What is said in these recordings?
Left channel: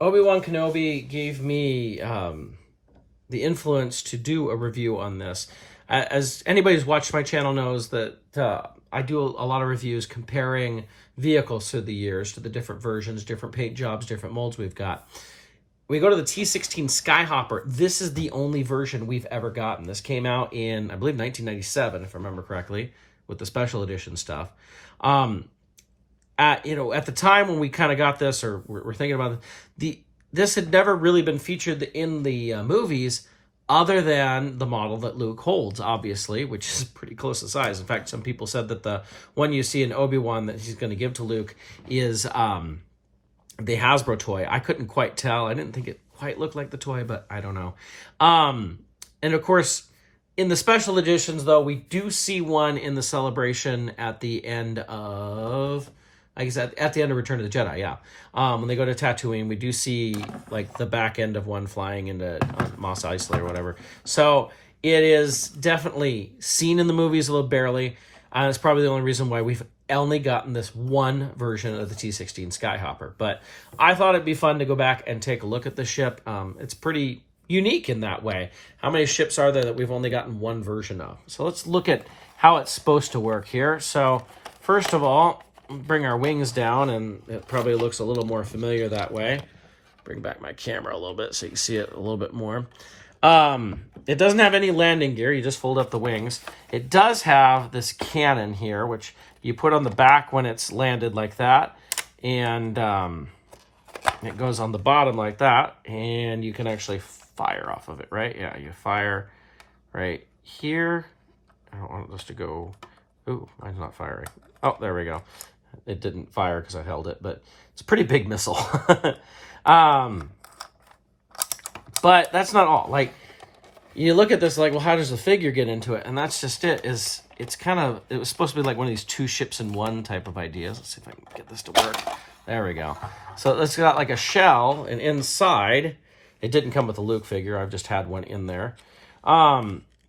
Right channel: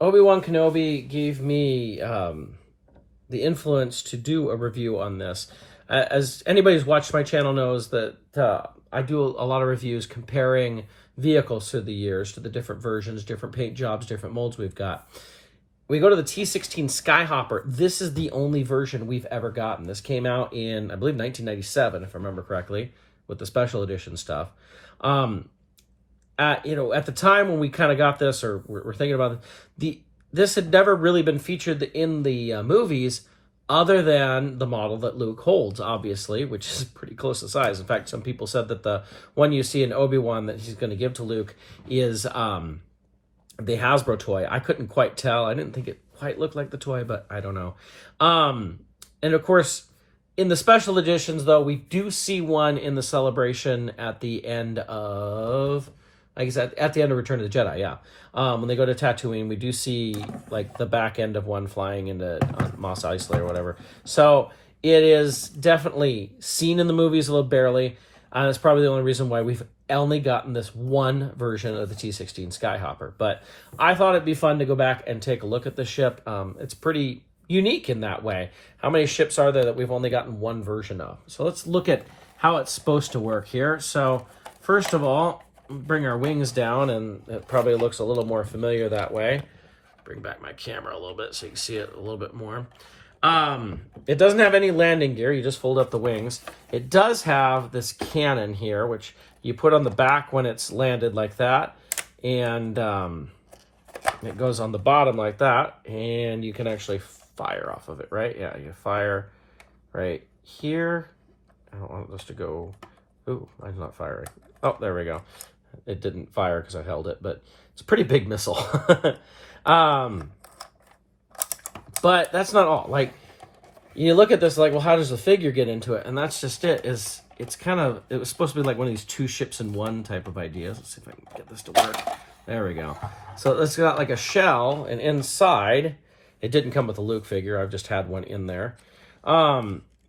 Obi-Wan Kenobi gave me the influence to do a review on this. As anybody who's watched my channel knows that I do a lot of reviews comparing vehicles through the years to the different versions, different paint jobs, different molds we've got. We go to the T-16 Skyhopper. This is the only version we've ever gotten. This came out in, I believe, 1997, if I remember correctly, with the special edition stuff. At the time when we kind of got this, or we're thinking about this had never really been featured in the movies, other than the model that Luke holds, obviously, which is pretty close to size. In fact, some people said that the one you see in Obi-Wan that he's going to give to Luke is the Hasbro toy. I couldn't quite tell. I didn't think it quite looked like the toy, but I don't know. And of course, in the special editions, though, we do see one in the celebration at the end of, I guess, at the end of Return of the Jedi, yeah. When they go to Tatooine, we do see, like, the back end of one flying into Mos Eisley or whatever. So it is definitely seen in the movies a little barely, and it's probably the only reason why we've only gotten this one version of the T-16 Skyhopper. But I thought it'd be fun to go back and take a look at the ship. It's pretty unique in that way. How many ships are there that we've only gotten one version of? So let's look at how it's supposed to work here. So first of all, bring our wings down, and it probably looks a little more familiar that way. Bring back my camera a little bit so you can see it a little bit more. It doesn't have any landing gear. You just fold up the wings. It does have this cannon here, which you put on the back when it's landed like that, and it goes on the bottom like that, and you can actually fire off of it, right? Yeah, you fire right here. I don't want this to go. Ooh, mine's not firing. Oh, there we go. It didn't fire because I held it, but it's a pretty big missile. But that's not all. Like, you look at this like, well, how does the figure get into it? And that's just it. It was supposed to be like one of these two ships in one type of ideas. Let's see if I can get this to work. There we go. So it's got like a shell, and inside, it didn't come with a Luke figure. I've just had one in there.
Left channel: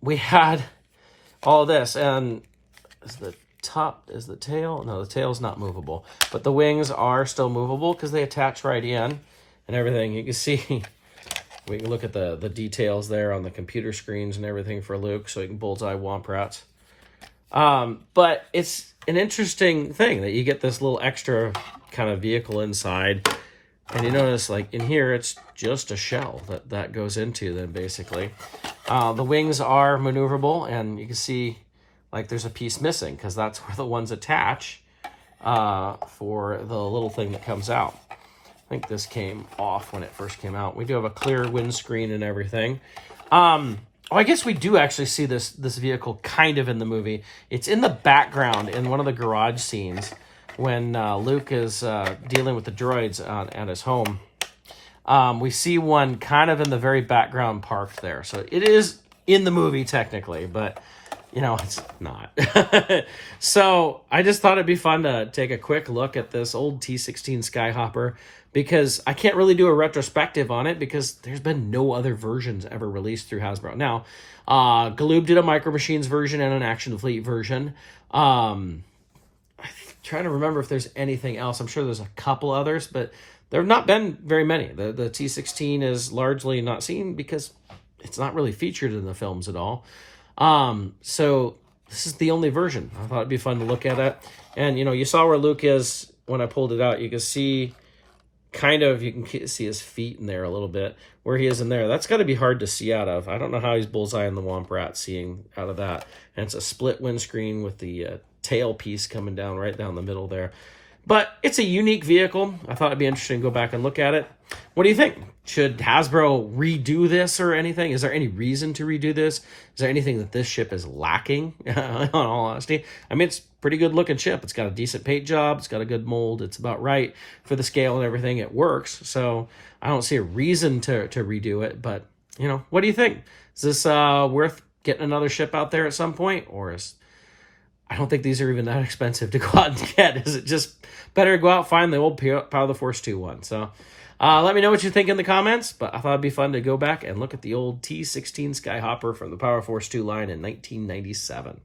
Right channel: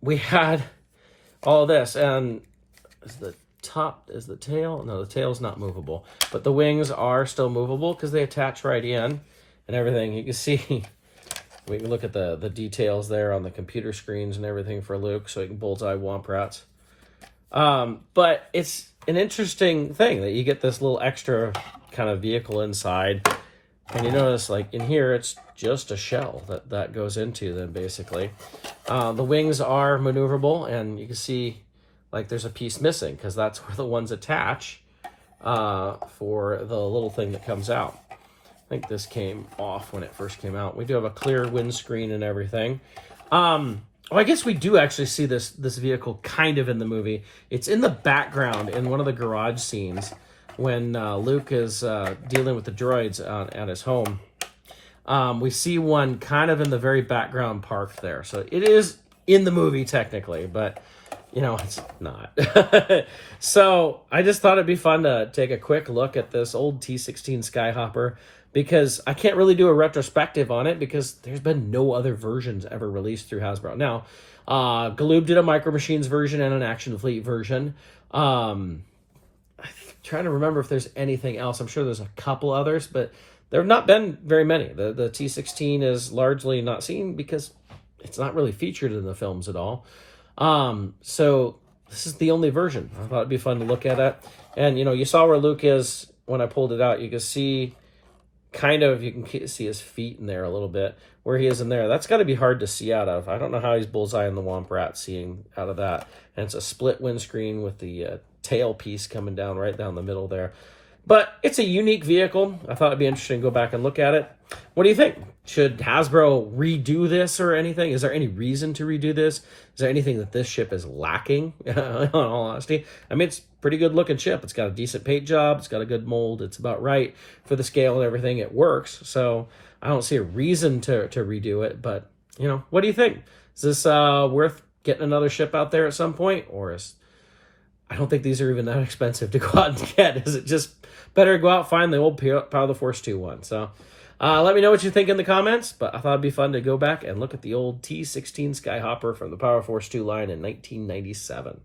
We had all this, and is the tail? No, the tail's not movable. But the wings are still movable because they attach right in and everything. You can see, we can look at the details there on the computer screens and everything for Luke, so you can bullseye womp rats. But it's an interesting thing that you get this little extra kind of vehicle inside. And you notice, like, in here, it's just a shell that goes into then, basically. The wings are maneuverable, and you can see, like, there's a piece missing because that's where the ones attach for the little thing that comes out. I think this came off when it first came out. We do have a clear windscreen and everything. I guess we do actually see this vehicle kind of in the movie. It's in the background in one of the garage scenes when Luke is dealing with the droids at his home. We see one kind of in the very background parked there. So it is in the movie technically, but you know, it's not. So I just thought it'd be fun to take a quick look at this old T-16 Skyhopper, because I can't really do a retrospective on it because there's been no other versions ever released through Hasbro. Now, Galoob did a Micro Machines version and an Action Fleet version. I'm trying to remember if there's anything else. I'm sure there's a couple others, but there have not been very many. The T-16 is largely not seen because it's not really featured in the films at all. So this is the only version. I thought it'd be fun to look at it. And, you know, you saw where Luke is when I pulled it out. You can see you can see his feet in there a little bit, where he is in there. That's got to be hard to see out of. I don't know how he's bullseyeing the Womp Rat seeing out of that. And it's a split windscreen with the tail piece coming down right down the middle there. But it's a unique vehicle. I thought it'd be interesting to go back and look at it. What do you think? Should Hasbro redo this or anything? Is there any reason to redo this? Is there anything that this ship is lacking, in all honesty? I mean, it's a pretty good looking ship. It's got a decent paint job. It's got a good mold. It's about right for the scale and everything. It works. So I don't see a reason to redo it. But, you know, what do you think? Is this worth getting another ship out there at some point? Or I don't think these are even that expensive to go out and get. Is it just better to go out and find the old Power of the Force 2 one? So let me know what you think in the comments. But I thought it'd be fun to go back and look at the old T-16 Skyhopper from the Power Force 2 line in 1997.